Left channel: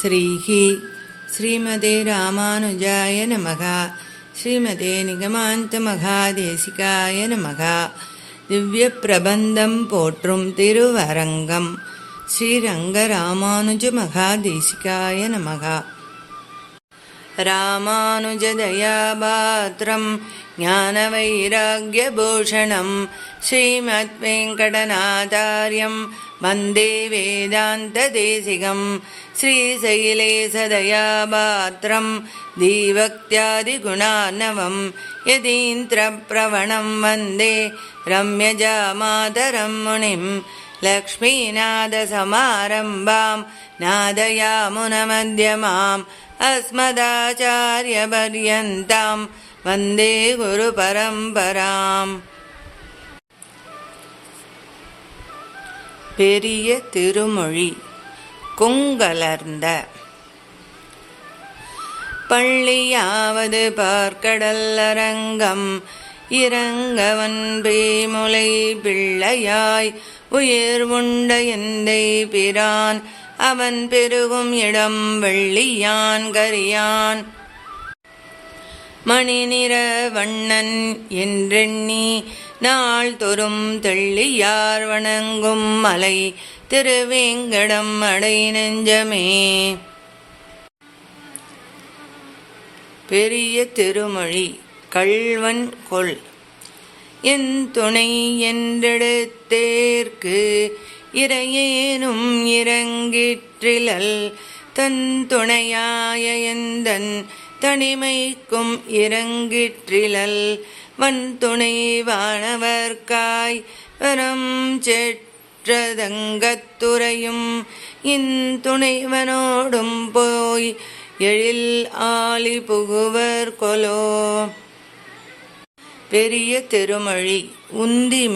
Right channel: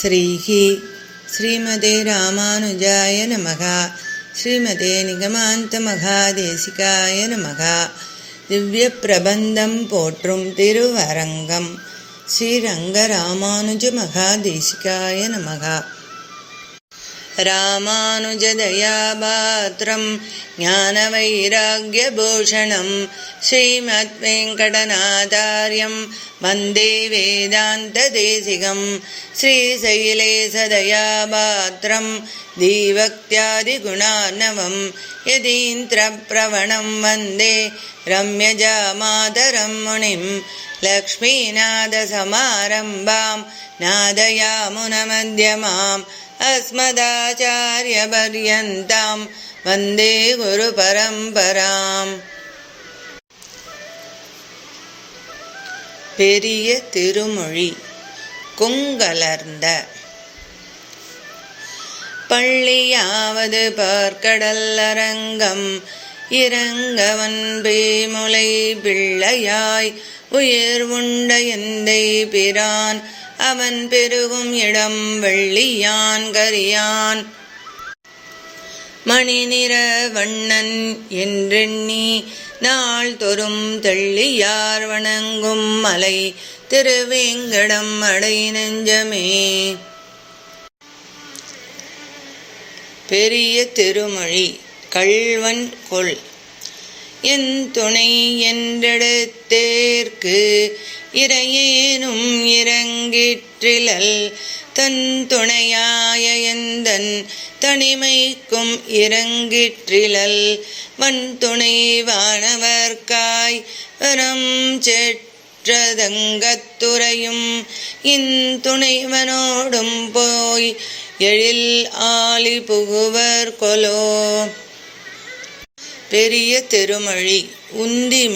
ஸ்ரீஹி ஸ்ரீமதே ராமானுஜாய நமகா ஸ்ரீமதே நிகமாந்த மகாதேசிகாய நமகா திவ்ய பிரபந்தம் போற்றும் திருவரங்கம் ஸ்ரீரங்க ராமானுஜ மகாதேசிகாய நமகா रामानुजदयापात्रं ज्ञानवैराग्यभूषणं श्रीमद्वेङ्कटनाचार्यं वन्दे वेदान्तदेशिकं श्रीशैलेशदया पात्रं दीवक्त्यादिगुणानवं यदीन्द्रप्रवणं वन्दे रम्यजामातरं मुनिं लक्ष्मीनादसमारम्भां नादयामुनमध्यमाम् अस्मदाचार्यपर्यन्तां वन्दे குருபரம்பராம் பெரிய திருமொழி குங்கலர்ந்த பள்ளியாவது பார்க்கடல் அரங்கம் இறங்கவன் பேமுலை பிள்ளையாய் உயிர் உண்ட எந்தை பிரான் அவன் பெருகும் இடம் வெள்ளியான் கரியான். மணிநிற வண்ணன் என்றெண்ணி நாள் தொறும் தெள்ளியார் வணங்கும் மலை திருவேங்கடம் அடை நெஞ்சமே. பெரிய திருமொழி கள்வன் கொள். என் துணை என்றெடுத்தேற்கு இறையேனும் இறங்கிற்றிலல் தன் துணையாய எந்தன் தனிமைக்கும் இறங்கிற்றிலல் வன் துணை வானவர்காய் வரம் செற்றதங்கத்துறையும் இன்துணைவனோடும் போய் எழில் ஆலி புகுவர் கொலோ. பெரிய திருமொழி உந்தி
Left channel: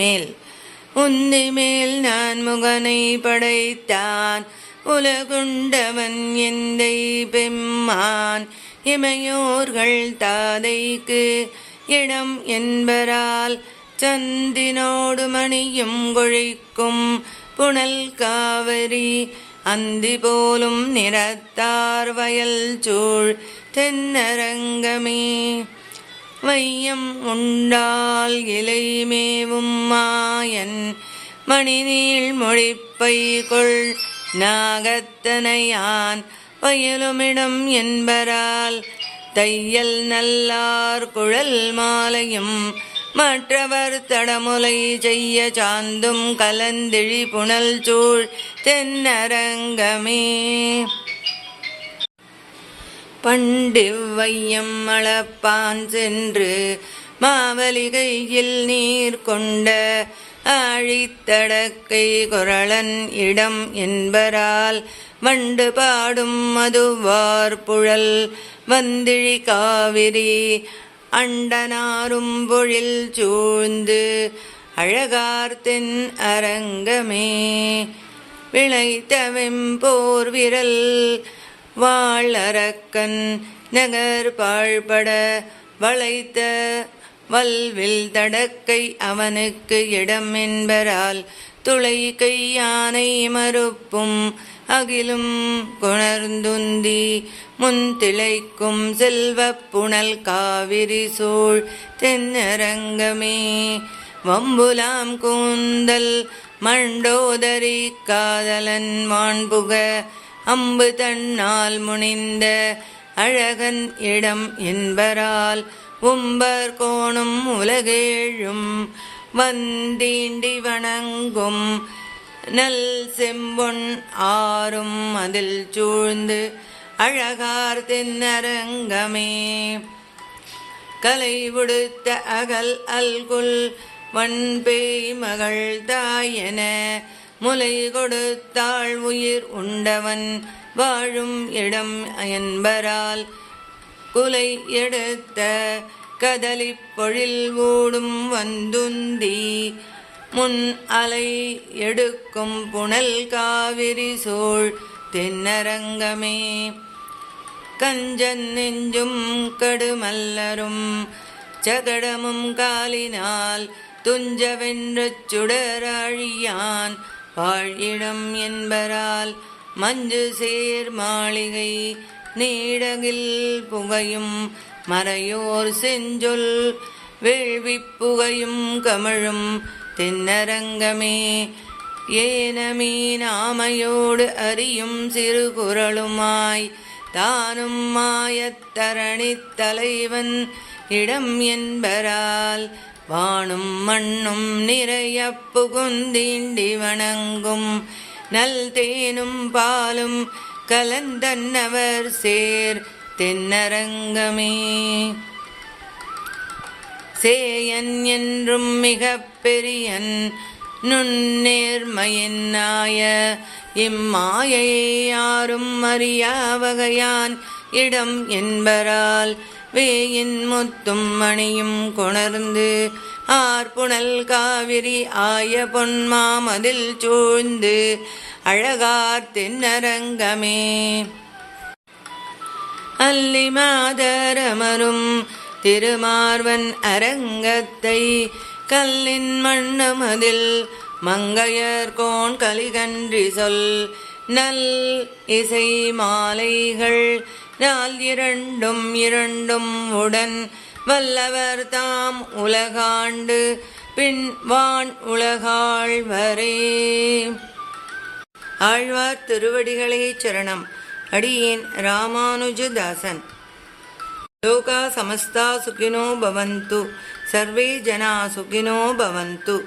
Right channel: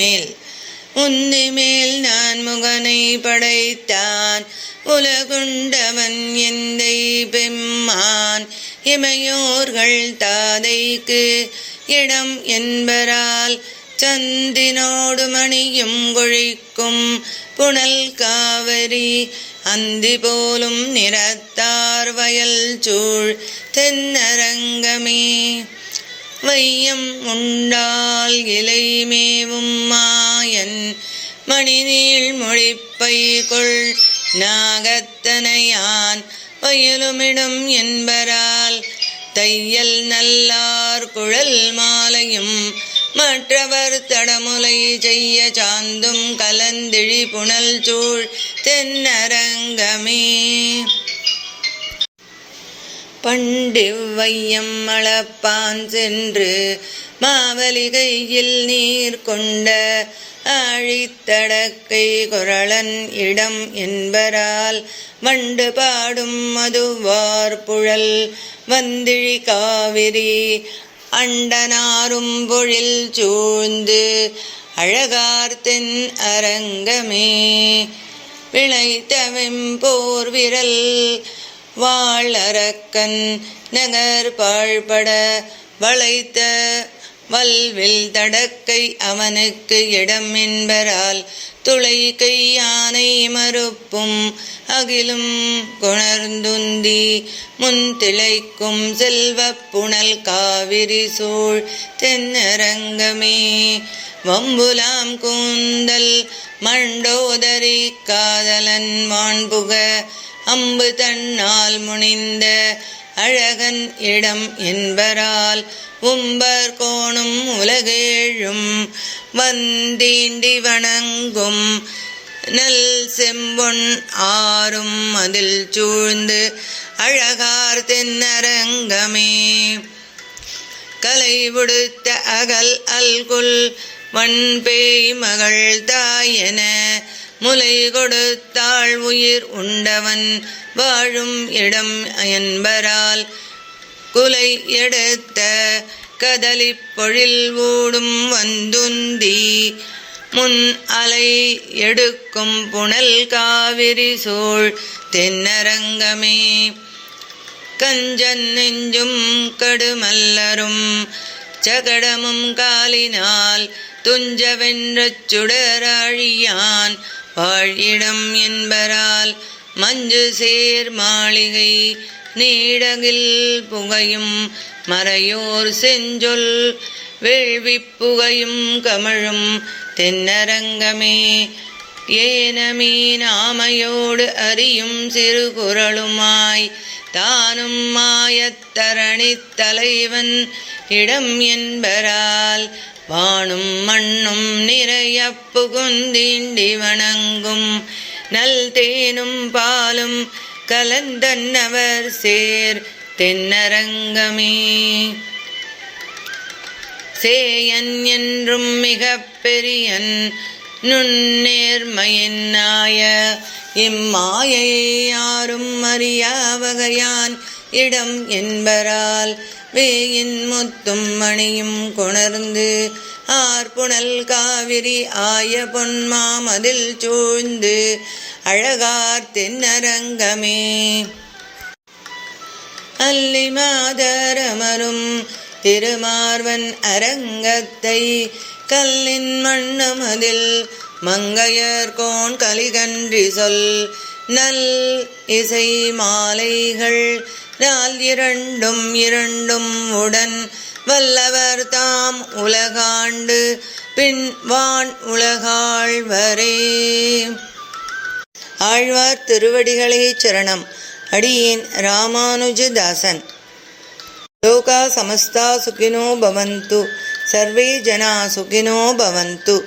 மேல் உந்தி மேல் நான் முகனை படைத்தான். உலகுண்டவன் எந்தை பெம்மான். இமையோர்கள் தாதைக்கு இடம் என்பரால் சந்தினோடு மணியும் கொழிக்கும் புனல் காவரி அந்தி போலும் நிறத்தார் வயல் சூழ் தென்னரங்கமே. வையம் உண்டால் இலைமேவும் மாயன். மணிநீள் மொழிப்பை கொள் நாகத்தனையான். பயிலுமிடம் என்பரால் தையல் நல்லார் குழல் மாலையும். மற்றவர் தடமுலை செய்ய சாந்தும் கலந்திழி புனல் சூழ் தென்னரங்கமே. பண்டிவ்வையம் அளப்பான் சென்று மாவலிகையில் நீர் கொண்ட ஆழித்தடக்கை குரளன் இடம் என்பரால் வண்டு பாடும் மதுவார் புழல் வந்திழி காவிரி அண்டனாரும் பொழில் சூழ்ந்து அழகார் தென் அரங்கமே. விளைத்தவெம்போர் விரல் வாழறக்கன் நகர் பாழ்பட வளைத்த வல்வில் தடக்கை அவனுக்கு இடம் என்பரால் துளை கையானை மறுப்பும் அகிலும் குணர்ந்துந்தி முன் திளைக்கும் செல்வப் புனல் காவிரி சூழ் தென்னரங்கமே. வம்புலாம் கூந்தல் மண்டோதரி காதலன் வான்புக அம்பு தன்னால் முனிந்த அழகன் இடம் என்பரால் உம்பர் கோணும் உலகேழும் வந்தீண்டி வணங்கும் நல் செம்பொன் ஆறும் அதில் சூழ்ந்து அழகார் தென்னரங்கமே. கலை உடுத்த அகல் அல்குல் வன்பேய் மகள் தாயன முலை கொடுத்தாள் உயிர் உண்டவன் வாழும் இடம் என்பரால். குலை எடுத்த கதலி பொழில் ஊடும் வந்துந்தி முன் அலை எடுக்கும் புனல் காவிரி சூழ் தென்னரங்கமே. கஞ்சன் நெஞ்சும் கடுமல்லரும் சகடமும் காலினால் துஞ்சவென்று சுடராழியான் வாழிடம் என்பரால் மஞ்சு சேர் மாளிகை நீடகில் புகையும் மறையோர் செஞ்சொல் வேள்விப் புகையும் கமழும் தென்னரங்கமே. ஏனமீனாமையோடு அறியும் சிறு குரலுமாய் தானும் மாயத்தரணித் தலைவன் இடம் என்பரால் வானும் மண்ணும் நிறைய புகுந்தீண்டி வணங்கும். நல் தேனும் பாலும் கலந்தன்னவர் சேர் தென்னரங்கமே. சேயன் என்றும் மிக பெரியன் நுண்ணேர்மையினாய இம்மாயையை யாரும் அறியா வகையான் இடம் என்பரால் வேயின் முத்தும் மணியும் கொணர்ந்து ஆர்புணல் காவிரி ஆய பொன்மாமதில் சூழ்ந்து அழகார் தென்னரங்கமே. அல்லி மாதரமரும் திருமார்வன் அரங்கத்தை கல்லின் மண்ணமதில் மங்கையர்கோன் கலிகன்றி சொல் நல் இசை மாலைகள் நாள் இரண்டும் இரண்டும் உடன் வல்லவர் தாம் உலகாண்டு பின் வான் உலகாழ்வரே ஆழ்வார் திருவடிகளே சரணம். அடியேன் ராமானுஜதாசன். லோகா சமஸ்தா சுகினோ பவந்து. சர்வே ஜனா சுகினோ பவந்து.